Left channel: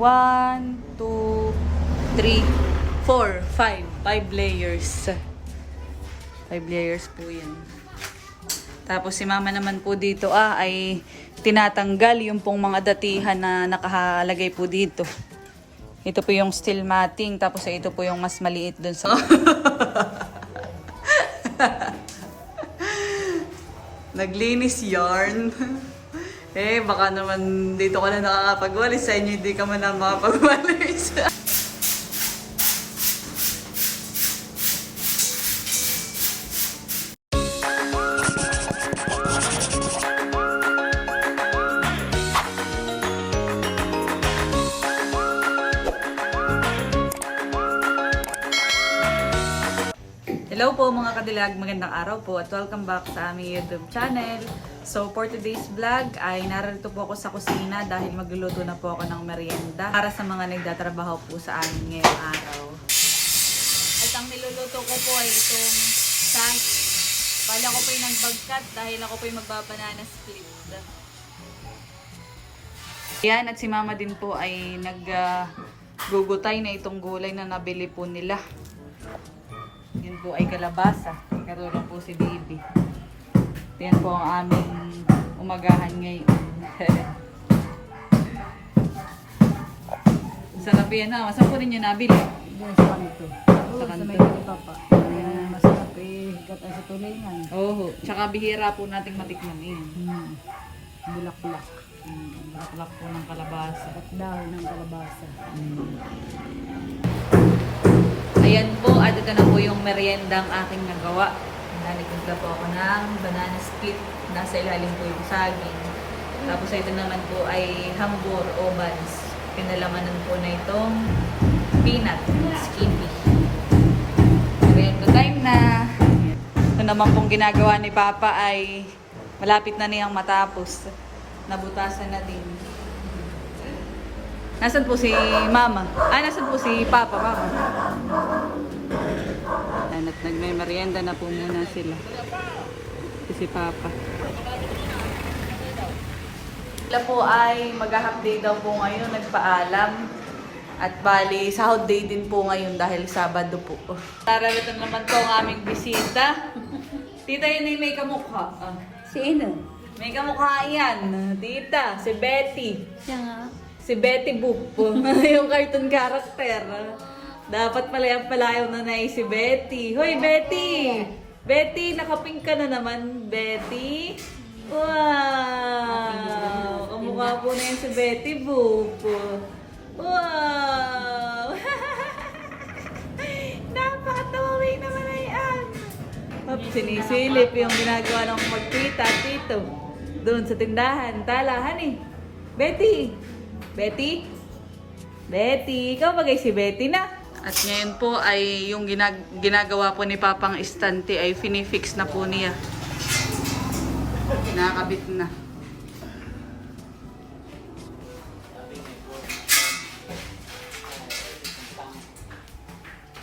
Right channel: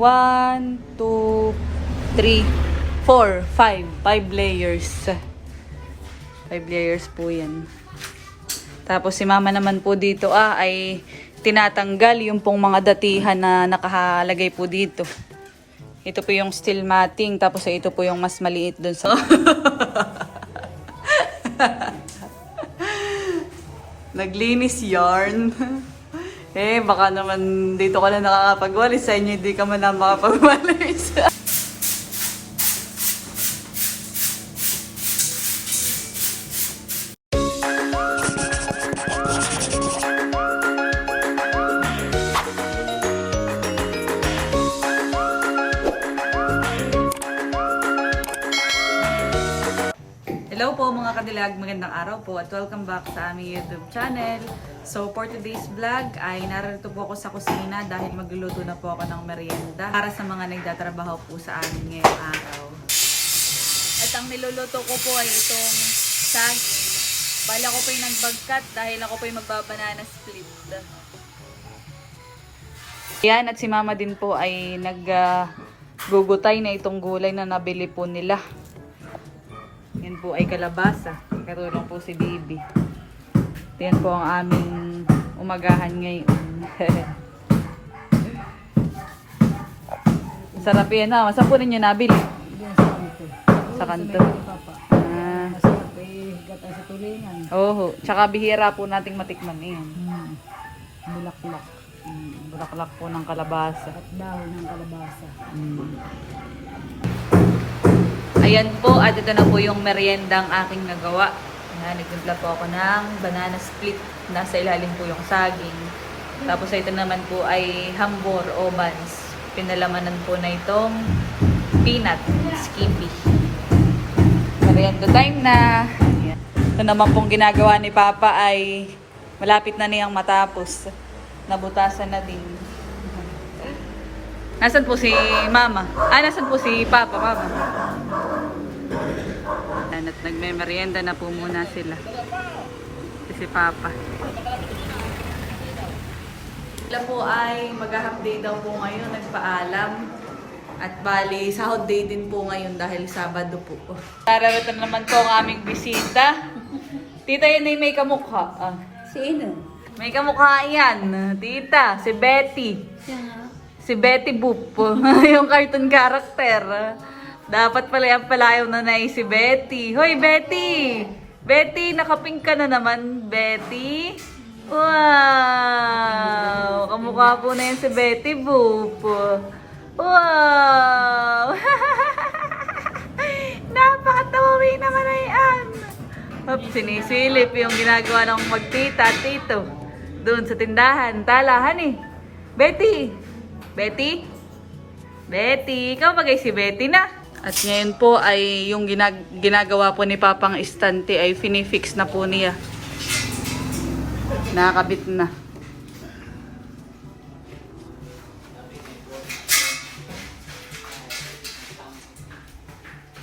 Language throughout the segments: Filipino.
One, two, three, four, five. Five layers. Five layers po yan. Tapos si mama naman po dito ah, ay tinatanggal yung pong mga datihan na nakahalagay po dito. Ito po yung steel matting, tapos ito po yung mas maliit dun sa... Naglinis yarn. eh, baka naman dito ka na nakakapagwalis. Sa inyo hindi ka man na makapagwalis. Hello po mga kadilag, magandang araw po at welcome back sa aming YouTube channel. So for today's vlog ay narito po ako sa kusina dahil magluluto na po ako ng merienda para sa mga nagtatrabaho po sa amin ngayong araw. At ang niluluto ko po ay itong sas. Bala ko po yung nagbagkat dahil ako po yung magbabanana split. Yan at si mama din po ay nag ah, gugutay na itong gulay na nabili po nila. Yan po ay kalabasa. Karulong po si Bibi. Yan po ang aming umagahan ngayon. Sarap yan ha. Saan po ninyo nabili? Diyan sa kanto. Sa kanto. Ah. Masarap eh, gatay sa tulingan. Oo. Tsaka bihira po nating matikman yan. Hmm. Bulaklak. Mm, Bulaklak po ng kalabasa. At dahon ng kalabasa. Ayan po, at ito na po yung meriendang aking nagawa. Ayan, nagtimpla po ako ng banana split. Nasa ilalim po yung saging. Tapos ito naman po ay hambor o buns. Pinalamanan po na itong peanut skippy. Merienda time na. Ito naman pong ginagawa ni Papa ay malapit na niyang matapos. Nabutasan na din. Nasaan po si Mama? Ah, nasaan po si Papa, Mama? Ayan, at nagme-merienda na po muna sila. Si si Papa. Sila po ay mag-half day daw po ngayon, nagpaalam. At bali, sahod day din po ngayon dahil Sabado po. Tararito naman po ang aming bisita. Tita, yun ay may kamukha. Ah, Sino? may kamukha yan. Tita, si Betty. Siya. Si Betty Boop. yung cartoon character. Dapat pala yung palayaw na na si Betty. Hoy, Betty! Betty, nakapink ka na naman, Betty. Wow! Kamukha po na yan si Betty Boop. Wow! Napakatawawi naman na yan. Hop, sinisilip yung ginagawa ng magtita at tito. Doon sa tindahan. Talahan eh. Betty! Betty? Betty, ikaw bagay si Betty na. At ngayon po ay yung ginag- ginagawa po ni Papang Istante ay finifix na po niya. Nakakabit na.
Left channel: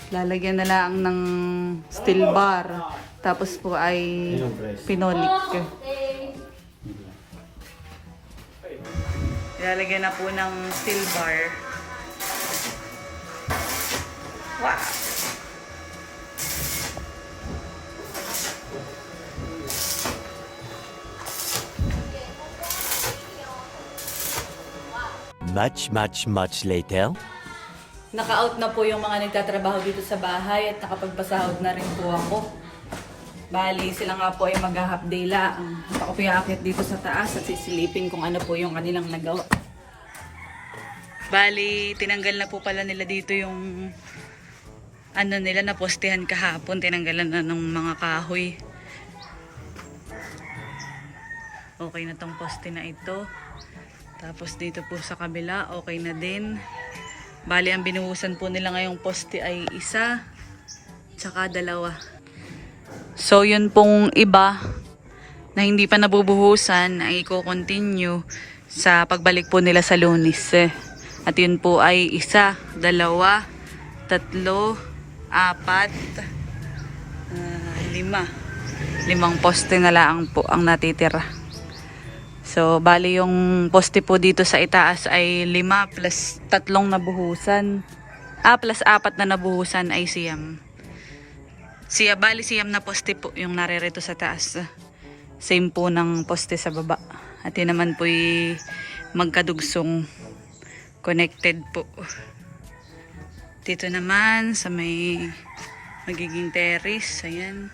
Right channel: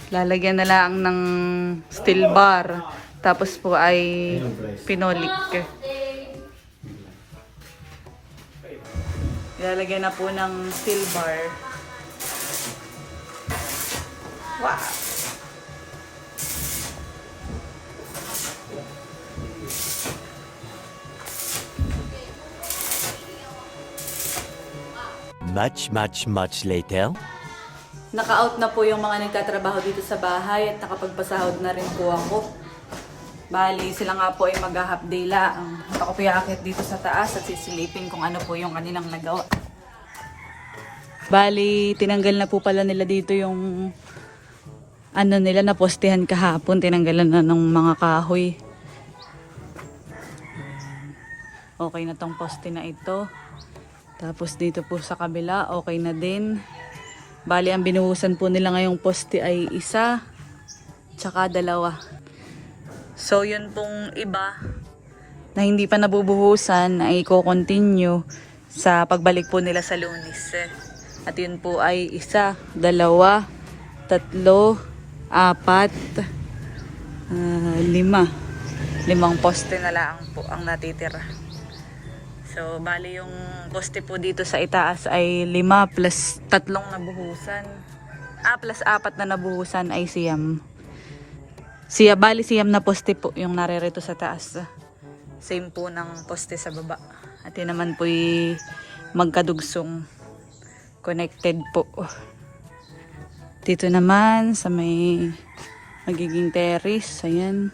Lalagyan na lang ng steel bar. Tapos po ay pinolik. Lalagyan na po ng steel bar. Wow! Much, much, much later. Naka-out na po yung mga nagtatrabaho dito sa bahay at nakapagpasahod na rin po ako. Bali, sila nga po ay mag-half day lang. At ako po dito sa taas at sisilipin kung ano po yung kanilang nagawa. Bali, tinanggal na po pala nila dito yung ano nila na postehan kahapon. Tinanggalan na ng mga kahoy. Okay na tong poste na ito. Tapos dito po sa kabila, okay na din. Bali, ang binuhusan po nila ngayong poste ay isa, tsaka dalawa. So, yun pong iba na hindi pa nabubuhusan ay i-continue sa pagbalik po nila sa lunis. eh. At yun po ay isa, dalawa, tatlo, apat, ah, lima. Limang poste na lang po ang natitira. So, bali yung poste po dito sa itaas ay lima plus tatlong nabuhusan. Ah, plus apat na nabuhusan ay siyam. Siya, bali siyam na poste po yung naririto sa taas. Same po ng poste sa baba. At yun naman po magkadugsong connected po. Dito naman sa may magiging terrace. Ayan.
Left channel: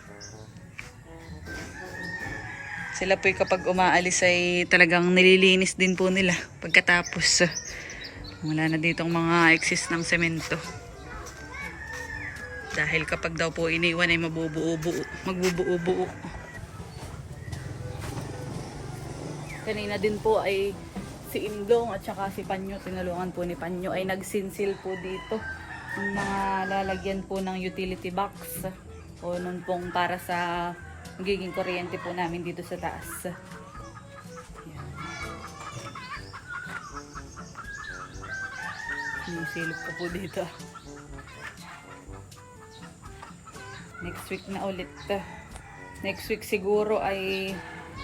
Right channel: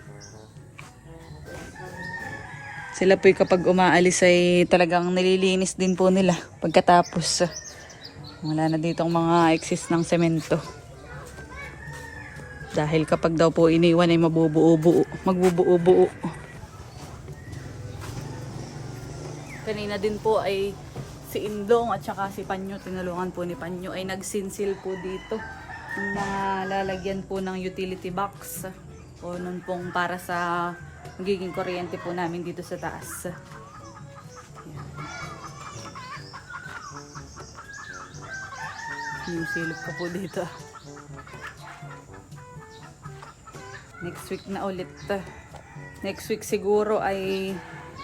Sila po kapag umaalis ay talagang nililinis din po nila pagkatapos. Wala na ditong mga excess ng semento. Dahil kapag daw po iniwan ay mabubuo-buo. Magbubuo-buo. Kanina din po ay si Indong at saka si Panyo, tinulungan po ni Panyo ay nagsinsil po dito ng mga lalagyan po ng utility box o nun pong para sa magiging kuryente po namin dito sa taas. Yan. Yung silip ko po dito. Next week na ulit. Next week siguro ay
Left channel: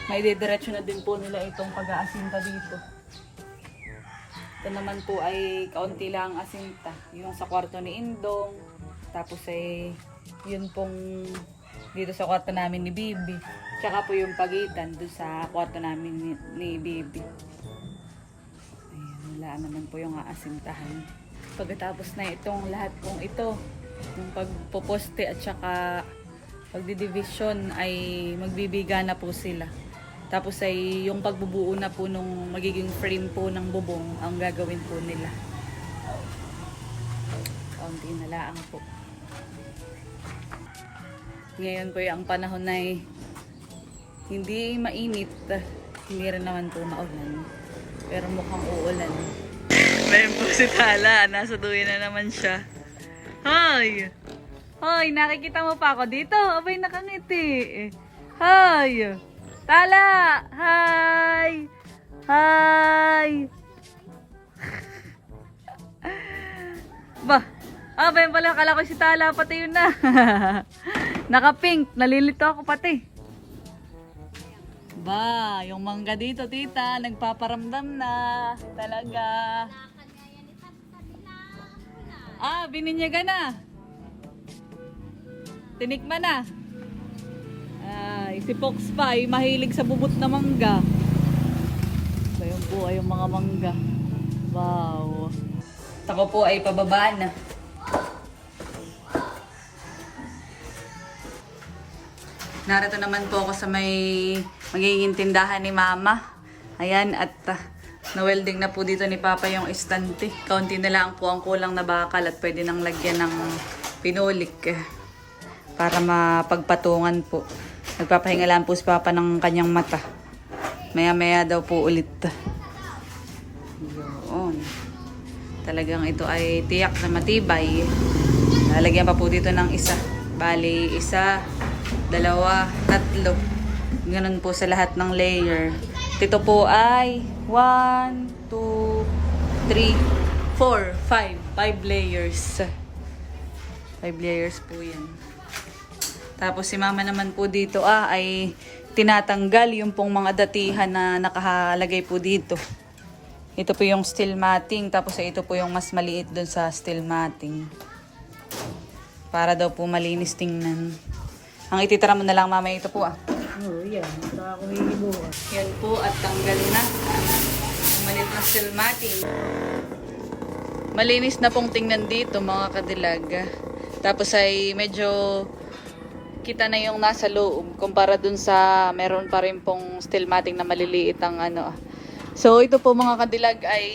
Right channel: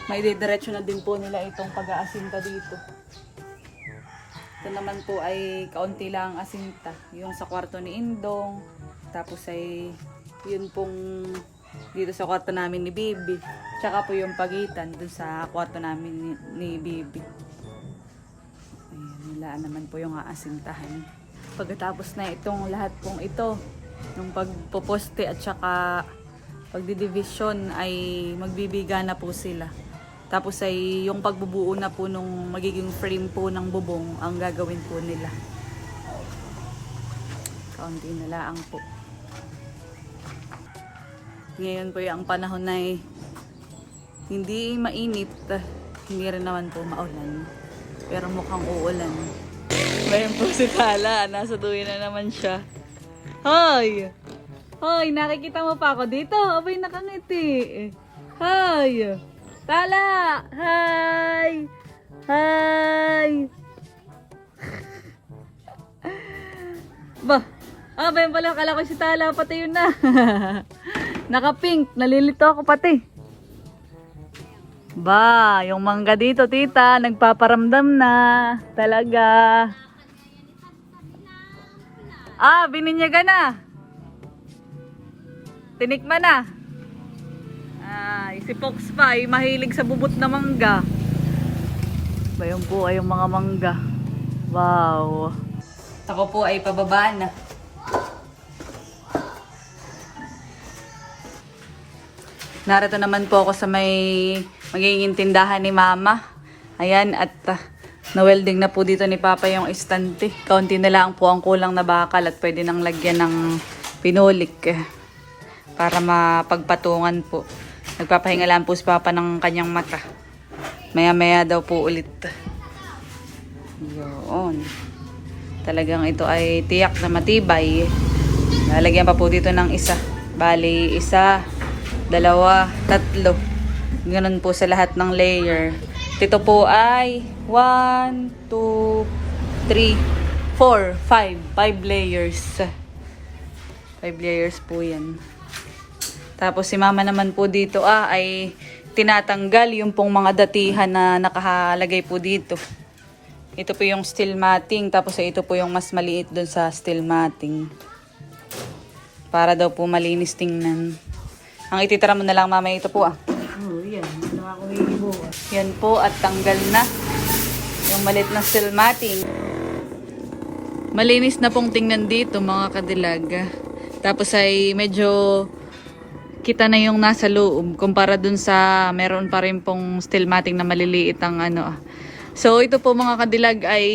may didiretso na din po nila itong pag-aasinta dito. Ito naman po ay kaunti lang ang asinta. Yung sa kwarto ni Indong. Tapos ay yun pong dito sa kwarto namin ni Bibi. Tsaka po yung pagitan dun sa kwarto namin ni, ni Bibi. Ayan, nilaan naman po yung aasintahan. Pagkatapos na itong lahat pong ito, yung pagpoposte at saka pagdidivision ay magbibiga na po sila. Tapos ay yung pagbubuo na po nung magiging frame po ng bubong ang gagawin po nila. Kaunti na lang po. Ngayon po yung panahon na ay hindi mainit, hindi rin naman po maulan. Pero mukhang uulan. Meron po si Tala, nasa duwi na naman siya. Hoy! Hoy, nakikita mo pa ako dito? Abay, nakangiti. Hoy! Tala! Hi! Hi! Ba, ah, ba yun pala, akala ko si Tala, pati yun na. Naka-pink, nalilito ako pati. Ba, yung mangga dito, tita, nagpaparamdam na. Talaga. Ah, bininyaga na. Tinikman na. Si Fox pa mahilig sa bubot na mangga. Ba yun po ay yung mga mangga. Wow. Ako po ay pababa na. Narito naman po ako sa may magiging tindahan ni Mama. Ayan, at uh, na-welding na po dito ni Papa yung estante. Kaunti na lang po ang kulang na bakal at pwede nang lagyan ng pinulik eh, para mapagpatungan po. Nagpapahinga lang po si Papa ng kanyang mata. Maya-maya daw po ulit. Yun. Talagang ito ay tiyak na matibay. Lalagyan pa po dito ng isa. Bali, isa, dalawa, tatlo. Ganun po sa lahat ng layer. Dito po ay 1, 2, 3, 4, 5. 5 layers. 5 layers po yan. Tapos si mama naman po dito ah, ay tinatanggal yung pong mga datihan na nakahalagay po dito. Ito po yung steel matting, tapos ito po yung mas maliit dun sa steel matting. Para daw po malinis tingnan. Ang ititira mo na lang mamaya ito po ah. Oo, yan. Yan po at tanggal na yung maliit na steel matting. Malinis na pong tingnan dito mga kadilaga. Tapos ay medyo kita na yung nasa loob kumpara dun sa meron pa rin pong steel matting na maliliit ang ano. So ito po mga kadilag ay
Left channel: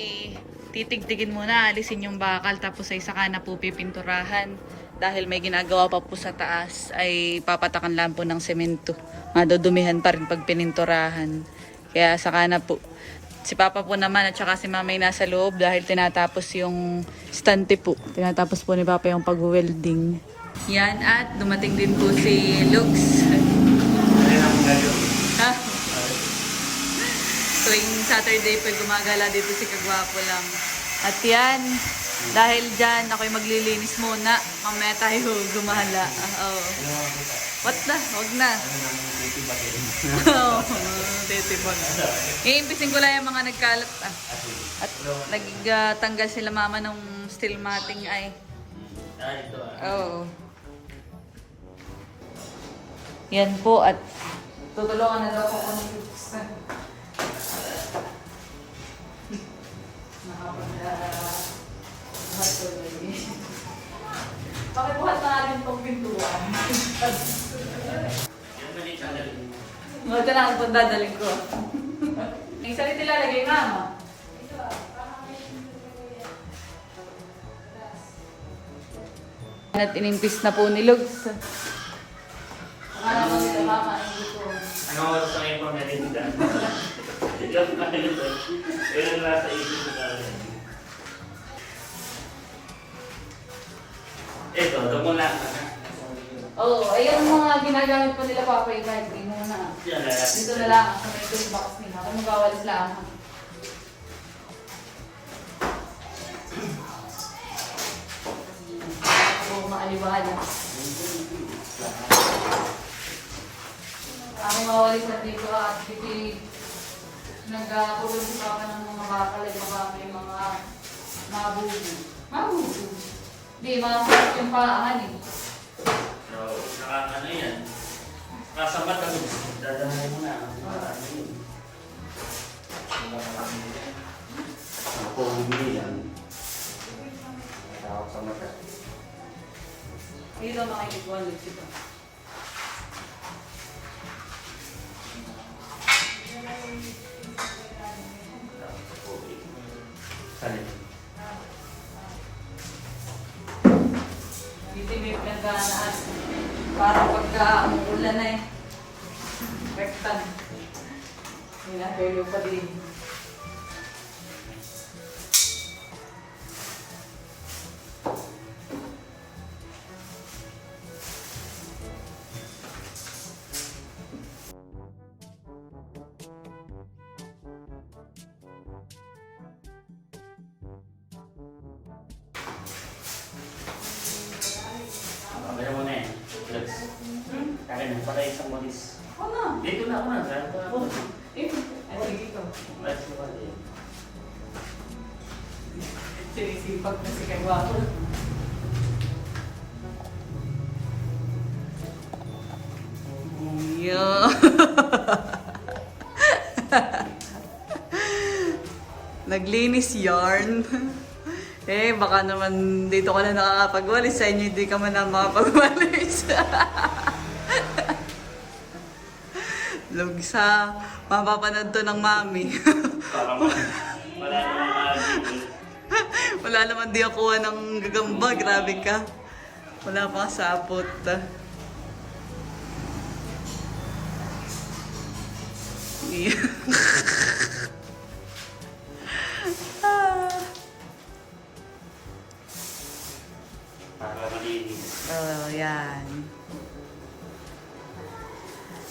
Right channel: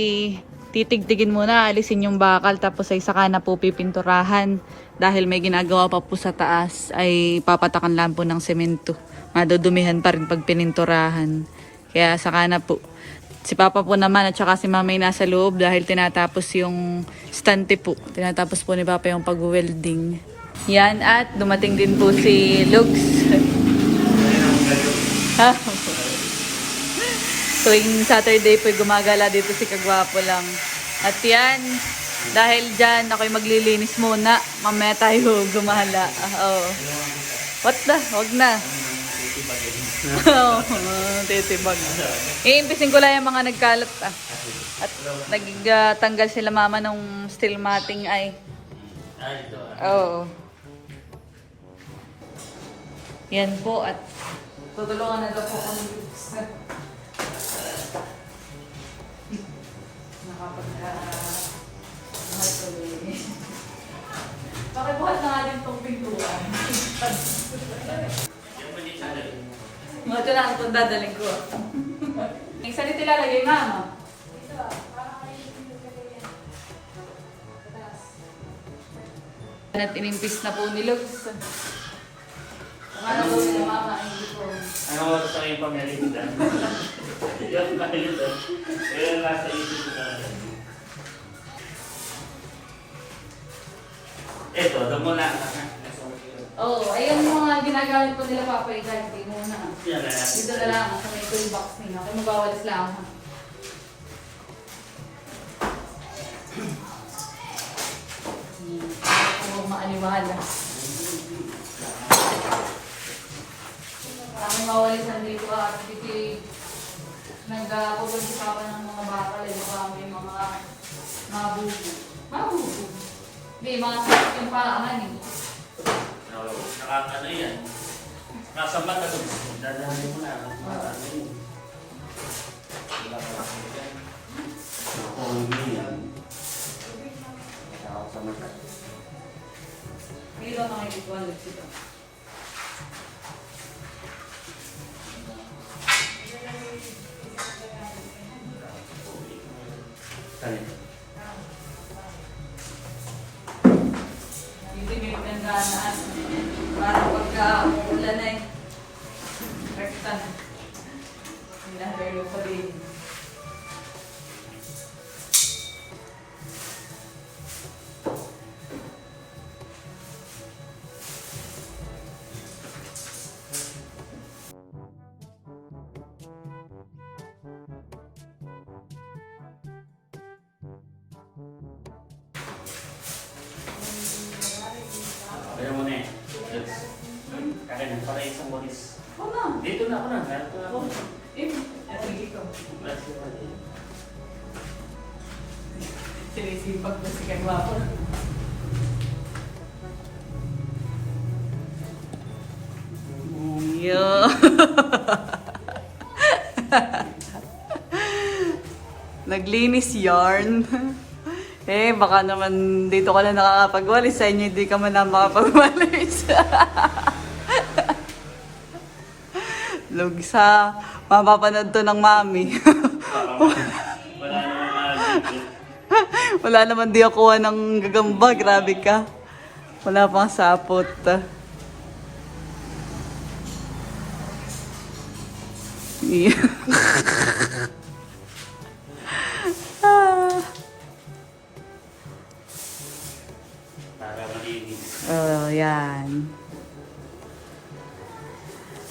titigtigin muna, alisin yung bakal tapos ay saka na po pipinturahan dahil may ginagawa pa po sa taas ay papatakan lang po ng semento. Madudumihan pa rin pag pininturahan. Kaya saka na po. Si Papa po naman at saka si Mama ay nasa loob dahil tinatapos yung stante po. Tinatapos po ni Papa yung pag-welding. Yan at dumating din po si Lux. Tuwing Saturday po gumagala dito si Kagwapo lang. At yan, dahil dyan ako'y maglilinis muna. Mamaya tayo gumala. Oh. What the? Wag na. Oo, titibag. Iimpisin ko lang yung mga nagkalat ah. At nagtanggal sila mama ng steel matting ay. Oo. Yan po at tutulungan na daw po kung Nakapag Pakibuhat na natin itong pintuan. Mga ito lang itong dadaling ko. Yung salita lalagay mama. At inimpis na po ni Lugs. Ko mama hindi ko. Ano oras ang iyong pamalinda? Yung palito. Pero nasa isip ko na rin. Ito, damo lang. Oo, oh, ayun ang mga ginagamit po nila papa yung hindi mo na. Lalapit. Dito na lang, sa may toolbox nila. Kung magawalis lang. Oo, maaliwala. Kami mawalisan dito ah, dito nagkakulit si Papa ng mga bakal eh, baka may mga mabubo. Mabubo? Hindi, mga yung paahan eh. Oo, saka ano yan. Nasa mata ko. Dadahalin mo na. Ano yun? Kung hindi yan. Tawag sa mata. Dito mga ikuan dito. 看见，para isang walis. Oo na. Dito na ako na. Dito na ako. Eh, ano sige ko? Sinisipag na si Kagwapo. Yo. Naglinis yarn. Eh, baka naman dito ka na nakakapagwalis. Sa inyo hindi ka man na makapagwalis. Lugsa. Mapapanood to ng mami. Wala naman di ako ng gagamba. Grabe ka. Wala pang sapot. Oh, yan.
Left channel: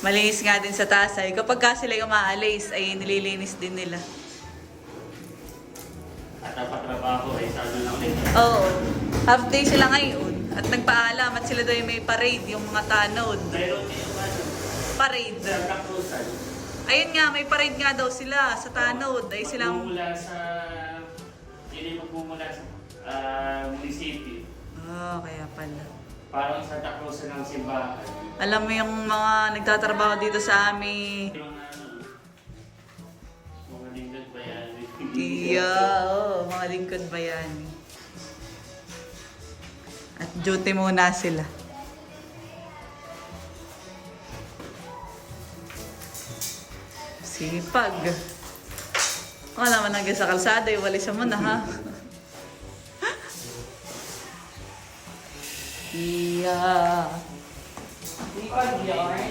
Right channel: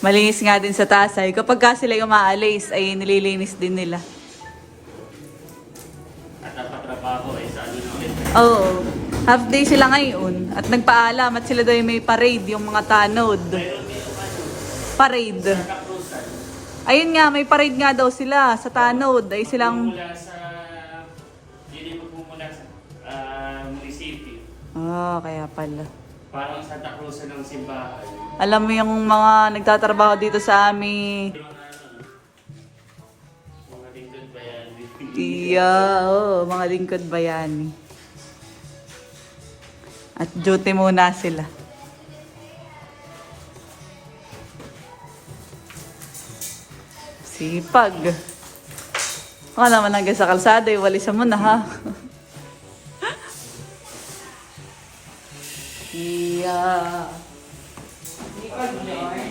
Malinis nga din sa tasay. Kapag ka sila yung aalis, ay nililinis din nila. At napatrabaho ay sa ano lang ulit. Oo. Oh, half day sila ngayon. At nagpaalam at sila daw yung may parade, yung mga tanod. Meron din yung ano, Parade. kapusan. Ayun nga, may parade nga daw sila sa tanod. Ay silang... Mula sa... Hindi po mula sa ah, munisipyo. Oh, kaya pala. Parang Santa Cruz ng simbahan. Alam mo yung mga nagtatrabaho dito sa amin. Mga lingkod ba yan? Iya, oo, mga lingkod ba yan? At duty muna sila. Sipag. Baka naman hanggang sa kalsada, iwalisan mo na ha. Iya. Sipag yun.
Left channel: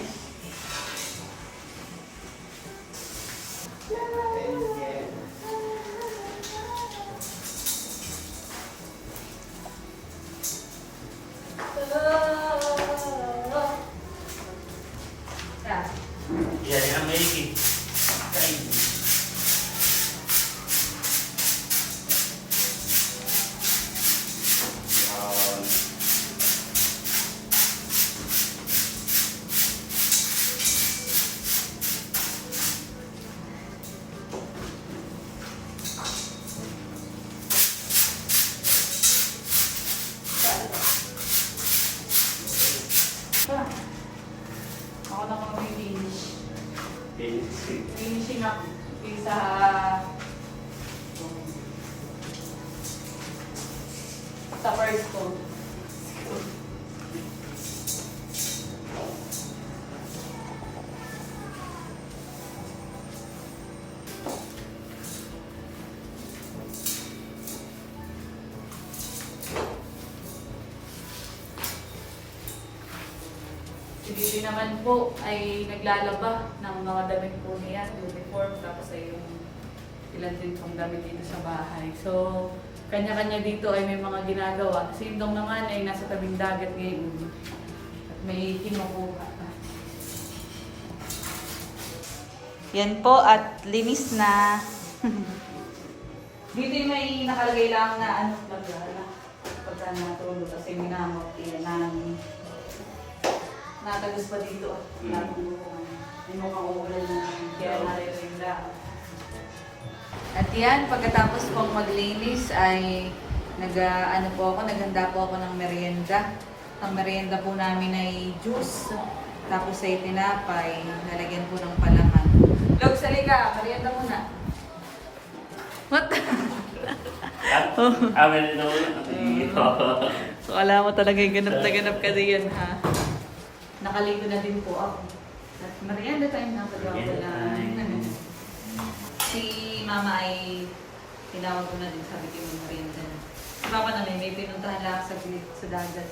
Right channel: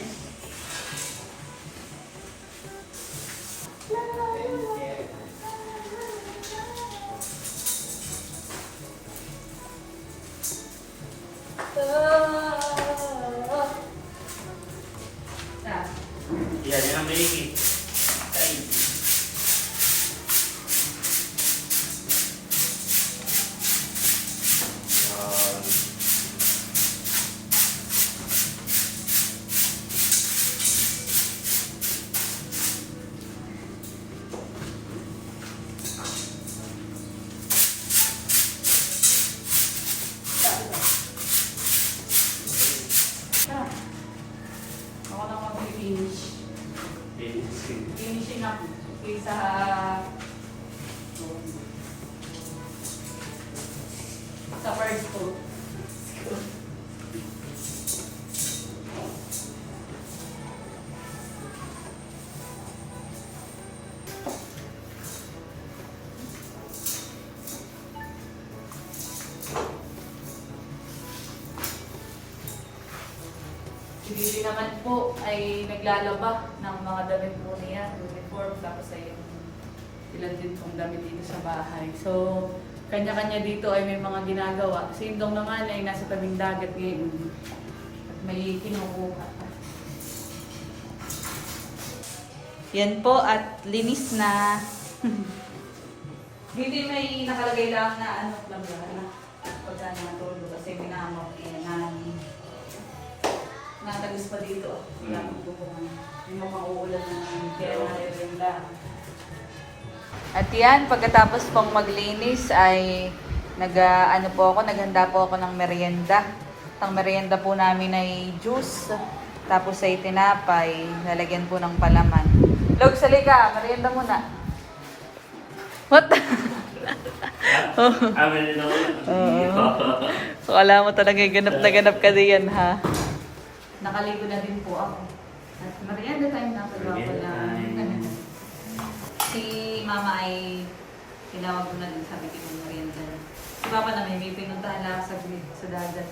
Bibi naman po ay naglalaba ng mga damit po niya, uniform, tapos ay yung ilan din pong damit dito sa bahay. So, kanya-kanya dito ay may mga ginagawa. Si Indong naman ay nasa tabing dagat ngayon at may kinukuha. Yan po at linis na. Hindi may nakalagay lang na ano pagka na pagka natulog kasi minamok yun namin. Natagos pa dito ah. Wala pang bukuhan. Yung mga uulan yung kaya nakirin lang. At yan, pagkatapos pong maglinis ay nag, ah, ano po ako, naghanda po ako ng merienda. Ang merienda po namin ay juice. Tapos ay tinapay, lalagyan po ng palaman. Log, salika, merienda muna. What? oh. Amin na naman. Akala mo talaga ganap na ganap ka diyan ha. Nakaligo na din po ako. At merienda time na ako Merienda time. Si mama ay tinawag ko na din sabi ko yung merienda. Si papa namin may pinuntahan lang sa, sa dagat.